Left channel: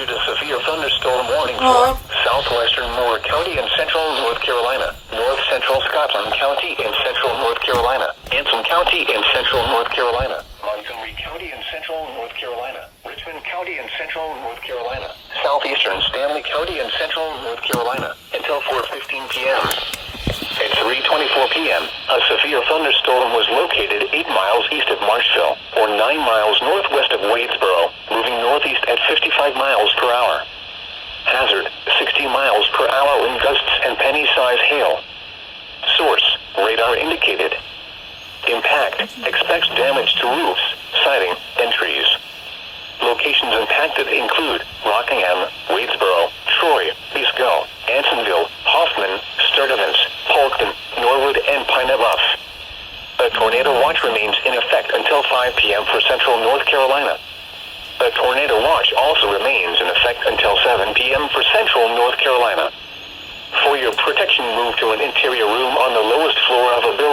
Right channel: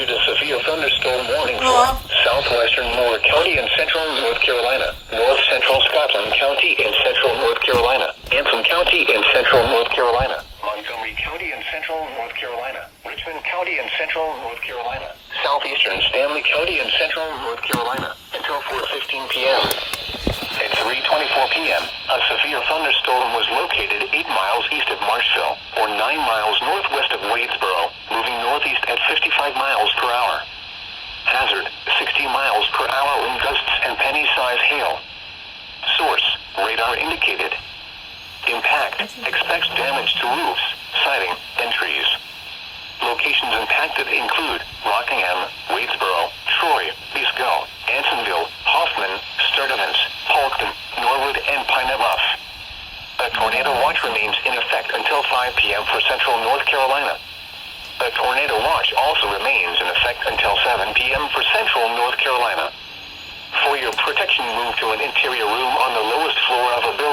issued a severe thunderstorm warning for southwestern Moore County in central North Carolina, north central Scotland County in central North Carolina, Anson County in central North Carolina, Montgomery County in central North Carolina, Richmond County in central North Carolina, southeastern Stanley County in central North Carolina, until 4:15 p.m. At 3:24 p.m., a severe thunderstorm was located 8 miles east of Marshville, or 9 miles northwest of Wadesboro, moving northeast at 55 miles per hour. Hazard, 60 miles per hour in gusts and penny-size hail. Source, radar indicated. Impact, expects damage to roofs, siding, and trees. Locations impacted include Rockingham, Wadesboro, Troy, Eastgall, Ansonville, Hoffman, Sturdivant, Polkton, Norwood, and Pine Bluff. A tornado watch remains in effect until 5 p.m. for central North Carolina. A tornado watch also remains in effect until 7 p.m. for central North Carolina. For your protection, move to an interior room on the lowest floor of a building.